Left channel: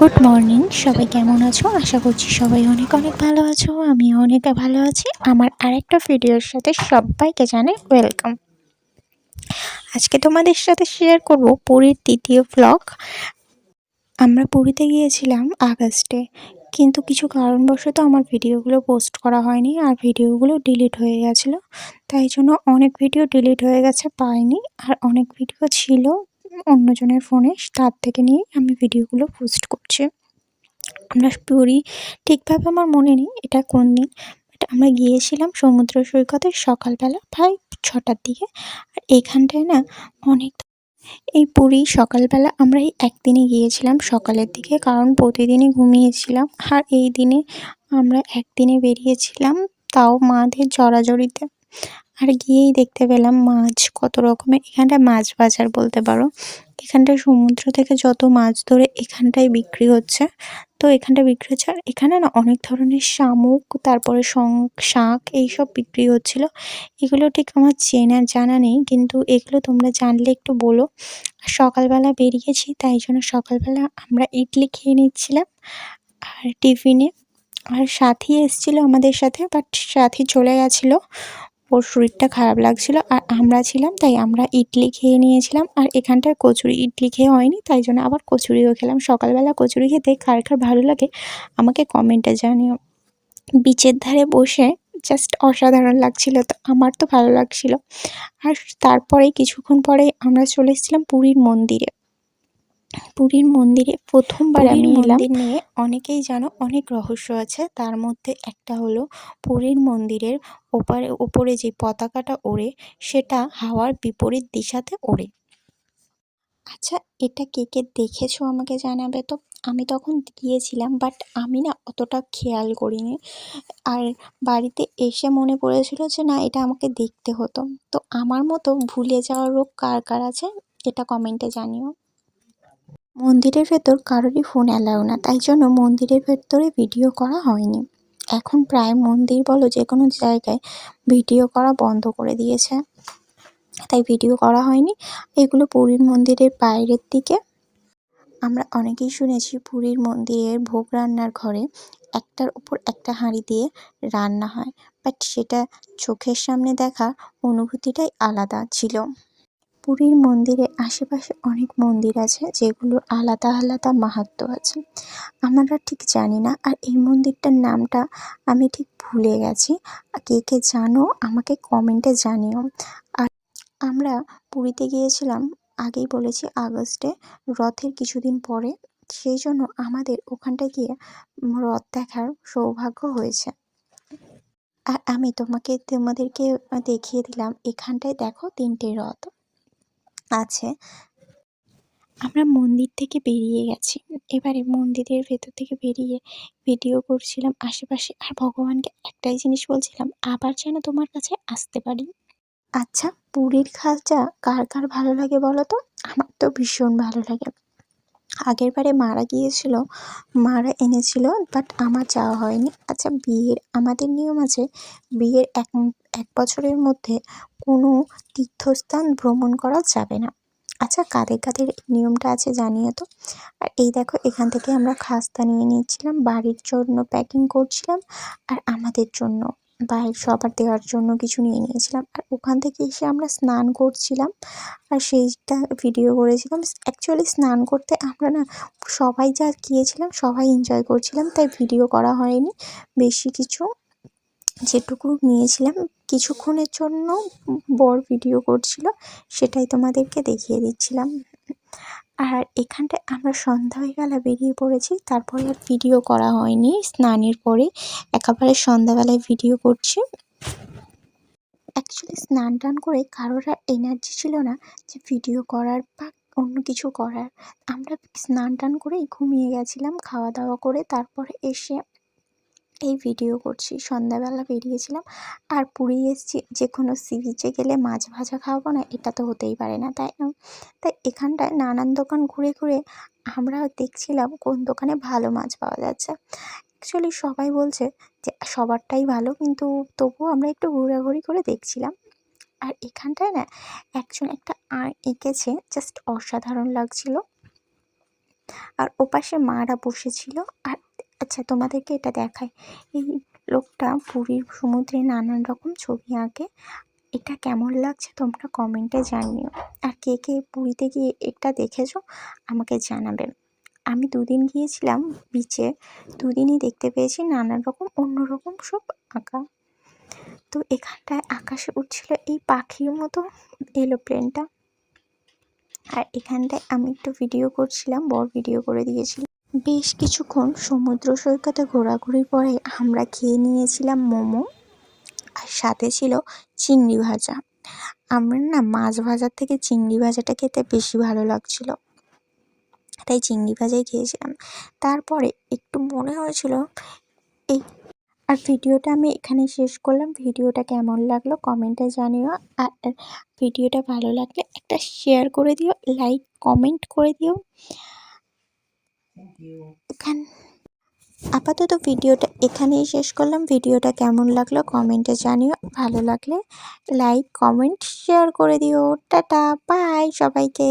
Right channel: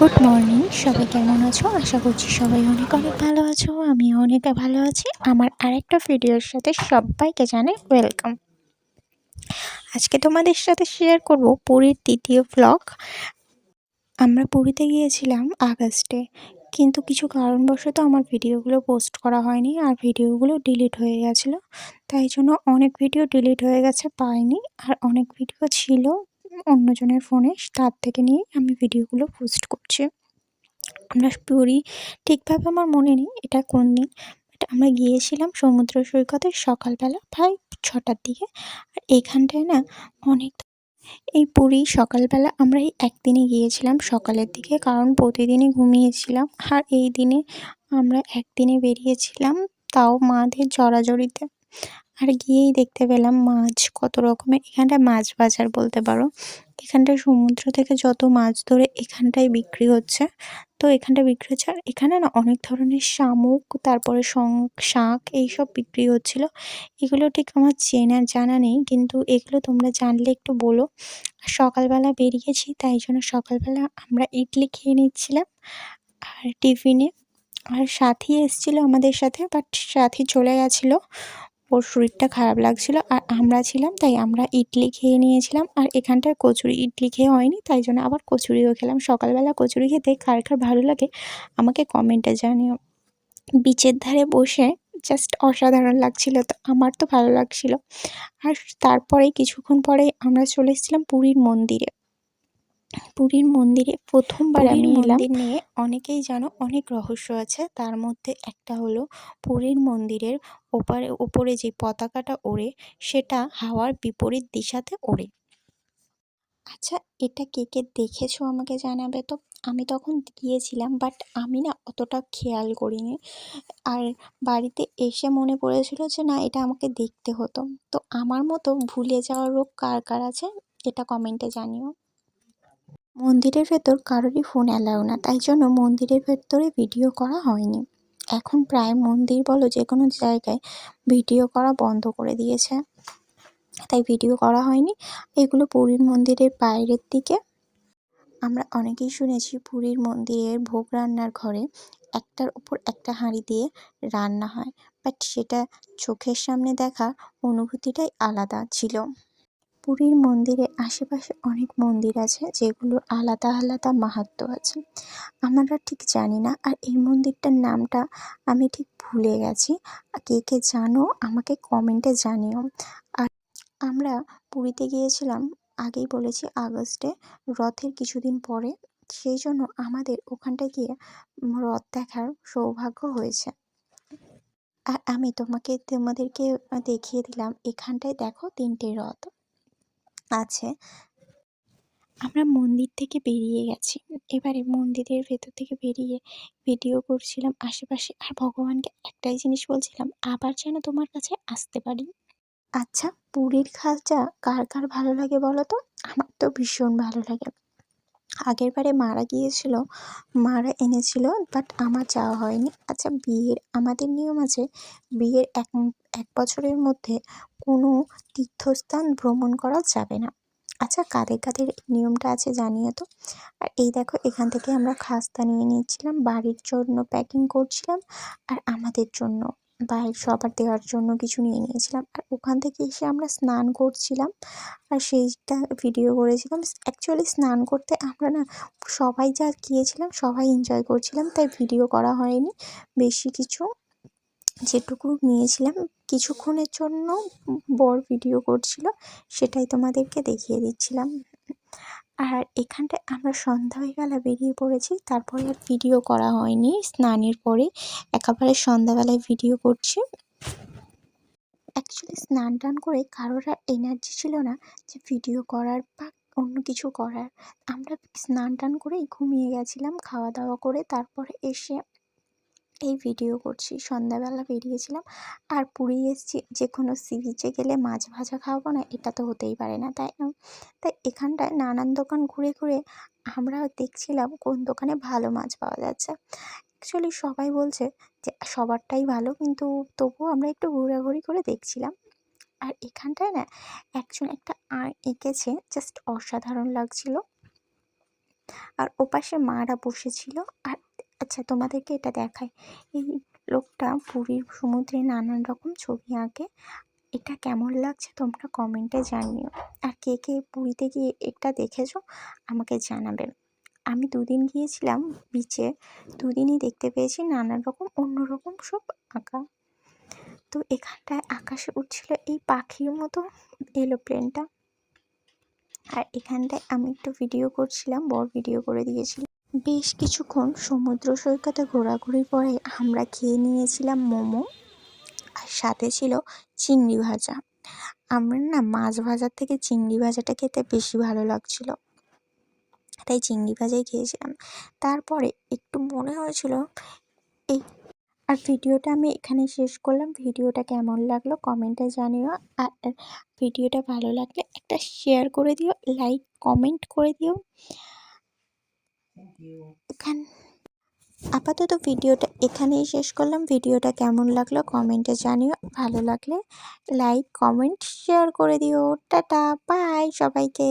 Good morning সবাই কেমন আছো? আশা করছি সবাই অনেক অনেক ভালো আছো আমি অনেক ভালো আছি। আমার আরেকটা ভিডিওর সাথে সবাইকে জানাই ওয়েলকাম আজকে তোমাদের সাথে শেয়ার করব পুরীর দ্বিতীয় ব্লগ আমরা পুরীতে গিয়েছিলাম আগস্টে, কিন্তু কিছু কারণবশত আমার ভিডিওগুলো পোস্ট করা হয়নি আর ভিডিওগুলো ডিলিট হয়ে গেছিল। তাই জন্য অনেক ভিডিও ডিলিট হয়ে গেছে, পাইনি। আর অনেক ভিডিও ছিল অন্যজনের ফোনে তার থেকে নিয়ে আমি ভিডিওগুলো পোস্ট করছি। আমরা পুরী, ঠিকভাবে আমার মনে নেই এটা কোন দিন আমরা গিয়েছিলাম সমুদ্র সৈকতে সকালবেলা প্রায় ছটার দিকে, আর এখানটায় না অনেক এই পুরী সকালবেলা আমরা এই একদিনে গিয়েছিলাম সকালের দিকে, কারণ প্রতিদিনই ঘুমিয়েছিলাম, আর এই দিনে আমরা একদিনে বেরিয়েছিলাম তাও মাদের জড়াজড়িতে আর গিয়েই দেখতে পেলাম মাছ, কত রকমের। এখানটায় মাছ বাজার বলতে পারো। এখানটায় সমুদ্র থেকে যত মাছ ধরে এখানটায় বিক্রি হচ্ছে। তো এখানটায় বিক্রি হচ্ছে আর এখানে না অনেক ধরনের শামুক, তারপরে শাঁখ এইসব বিক্রি হচ্ছিল। এগুলো ঠিক আমার চেনা জানা নেই, কিন্তু এগুলো তোমরা জানলে একটু বলো। সকালবেলা বেরিয়েছি, তাই জন্য সকালবেলা আমরা ইডলি খেয়ে নিচ্ছিলাম আর টিফিনে। আর সাথী এসেছিল আমাদের সাথে, বাট সাথী চলে গেছিল। ওর শরীরটা খারাপ লাগছিল আর আমরা ছিলাম, তাই আমরা ইডলি খেয়ে নিয়েছিলাম আর এখানটায় কচুরি ইডলি খেয়ে হয়নি, তাই জন্য আবার কচুরিও খেলাম। সকালবেলা কচুরি খেতে কার কার ভালো লাগে আমাকে কমেন্টে জানিও। বিচের ধারে বসে জাস্ট অসাধারণ লাগছিল, তো আমার তো ভালো লাগছিল। আর তারপরে কিছুক্ষণ পরে আমরা চলে এসেছিলাম পুরীর মন্দিরে। পুরীর মন্দিরে প্রথমবার আমি মন্দির নিয়ে অনেকেই জানো অনেক রহস্য আছে। তার মধ্যে একটা হলো পুরীর মন্দিরের ওপারে ওপরে যে পতাকাটা ওড়ে সেটা হাওয়ার বিপরীত দিশাতে ওড়ে। আচ্ছা এটা কে কে দেখেছ আমাকে জানাবে তো? আমি তখন গিয়েছিলাম বাট আমি না অতটা খেয়াল করিনি। আর বাড়িতে এসে মনে পড়েছিল যে না এটা আমাকে দেখতে হতো। তো আমার মতো ভুলে যাওয়ার রোগ কার কার আছে এটা কমেন্টে জানিও। মন্দিরের ভেতর কারোরই ফোন অ্যালাউ না, তাই জন্য মন্দিরের ভেতরে ভিডিও করা হয়নি। এখন প্রায় মন্দির বলো যে কোনো জায়গায় ভিডিও করা বন্ধ করে দিয়েছে। তাই ভিডিও করা হয়নি। এগুলো পুরীর মন্দিরের বাইরের দিকে। আমরা অনেকেই শুনেছি পুরীর মন্দিরের ভোগ রান্নার ঘরে একটার উপর একটা হাঁড়ি দিয়ে রান্না হয় বাট সেটা চোখের সামনে দেখা অনুভূতিটাই আলাদা ছিল। পুরীর মন্দিরে আশেপাশে অনেক মন্দির আছে যেগুলোর আলাদা আলাদা মাহাত্ম্য আছে। আমরা ঠিক জানি না, আর এই মন্দিরটার নামটা আমি ঠিক ভুলে গেছি। কে কে জানো, আমাকে কমেন্টে জানিও। আর আমরা পুরীতে গিয়েছিলাম, আগেই বলেছি আগস্টে, রথের কিছুদিন পরে। সেই জন্য আমাদের ওখানটায় গিয়ে রথ দেখার সৌভাগ্য হয়েছে। আর আমি তোমাকে, তোমাদেরকে দেখিয়ে দিলাম, এখানটায় দেখো তিনটে রথ। আছে। আমরা মন্দির থেকে বেরিয়ে গেছি। এবারে মন্দিরের ভেতর থেকে বেরিয়ে ভিডিও করছিলাম আশেপাশে। আর ভগবানকে একটাই জিনিস বলছিলাম, আবার যেন তোমার কাছে আসতে পারি। আচ্ছা পুরীর খাজা কার কার ভালো লাগে বলো তো? আমার তো ভীষণ ভালো লাগে। আগের বারে মারা গিয়েছিল, মারা এনেছিল বাট আমার যাওয়া হয়নি। আচ্ছা বিয়ের আমাদের নিয়ম আছে, বিয়ের এক এক বছরের মধ্যে কোনো তীর্থস্থান ভ্রমণ করা যাবে না। আচ্ছা কাদের কাদের নিয়মটা আছে জানিয়ে তো? আর এই দেখো, এখান থেকে আমরা খাস্তা নিয়ে নিয়েছিলাম, বাড়ির জন্য প্যাকিং করছিলাম, আর আমাদের জন্য বাইরে সবার দেওয়ার জন্য কিছু নিয়ে নিয়েছিলাম। আর ওখান থেকে এসে আমরা স্নান করছিলাম, আর সেইটা ভিডিও করেছিলাম। অ্যাকচুয়ালি স্নান করতে আমরা না সবাই যা গিয়েছিলাম সবাই এনজয় করছিলাম, তাই ভিডিও করা হয়নি, বেশি কিছু যেটুকু নিয়েছিলাম, কিছুক্ষণের জন্য বর ভিডিও করছিল, সেটাই তোমাদেরকে দেখিয়ে দিচ্ছিলাম। আর এখানটায় আমরা সন্ধ্যাবেলা বেরিয়ে পড়েছি, তারপরে আর ভিডিও করা হয়নি, স্নানের পরে একেবারে সন্ধ্যাবেলায় ভিডিও করছি। অ্যাকচুয়ালি স্নান টান করে কারোর আর এনার্জি ছিল না যে ভিডিও করার বা অন্য কিছু করার। আমরা স্নান টান করেই ঘুমিয়ে গেছিলাম, খাওয়া দাওয়া করে তারপরে এসে এই ভিডিও করছি। সন্ধ্যাবেলা বেরিয়েছিলাম আর পুরী এসেছি যে কোনো সি বিচে গেলে মাছ ভাজা খাওয়াবো না, এটা তো হতেই পারে না, তাই তাই এখানটায় নানান দোকান ঘুরে ঘুরে আমরা দেখছিলাম কোন দোকানে ভালো মাছ পাওয়া যাচ্ছে। অ্যাকচুয়ালি সবাই বলছে যে, সবারটাই ভালো, কিন্তু তবুও আমরা একটু ঘোরাঘুরি করে দেখছিলাম। আর এখানটায় না, একজন একটা আয় এঁকেছে জাস্ট অসাধারণ লাগছিল। আর ওপাশে মারা বসেছিল, আর আচ্ছা তোমাদেরকে এটা দেখাই। এই লোকটা পুরীর সমুদ্রে নানান রকম ছবি আঁকে। এটা কেমন লাগছে তোমরা কমেন্টে জানিও। আর কে কে পুরীতে গিয়ে এটা দেখেছ আমাকে জানাবেন আমি দুদিন গিয়েছিলাম বিচে দুদিনই দেখতে পেয়েছি নানান রকম অন্যরকম সব আঁকা। তো এখানটায় আকাশে উঠছিল এই পাখির মতো এরোপ্লেনটা আর এখানটায় আমি একটু ভিডিও করছিলাম বড় ভিডিও করে দিয়েছিল। বেশ কিছুক্ষণ সমুদ্র সৈকতে ঘোরাঘুরির পরে আমরা খেয়ে নিয়েছিলাম মোমো আর সাথে ছিল চিংড়ি ভাজা। আমার না মাছ ভাজার থেকে চিংড়ি ভাজাটা খেতে বেশি ভালো লাগছিল। তাই চিংড়ি ভাজাই খেয়েছিলাম। তারপরে একটু মনে হয়েছিল, এই, আর ভিডিওটা আমি এখানে শেষ করলাম। ভিডিওটা কেমন লাগল কমেন্টে জানিও। আর ভিডিওটা ভালো লাগলে একটা শেয়ার করে দিও লাইক কমেন্ট করে দিও। এখান, আপাতত ভিডিওটা এখানেই শেষ করলাম। ভিডিওটা কেমন লাগল কমেন্টে জানিও। ভালো লাগলে লাইক, কমেন্ট, শেয়ার করে দিও। টাটা, বাই সবাইকে।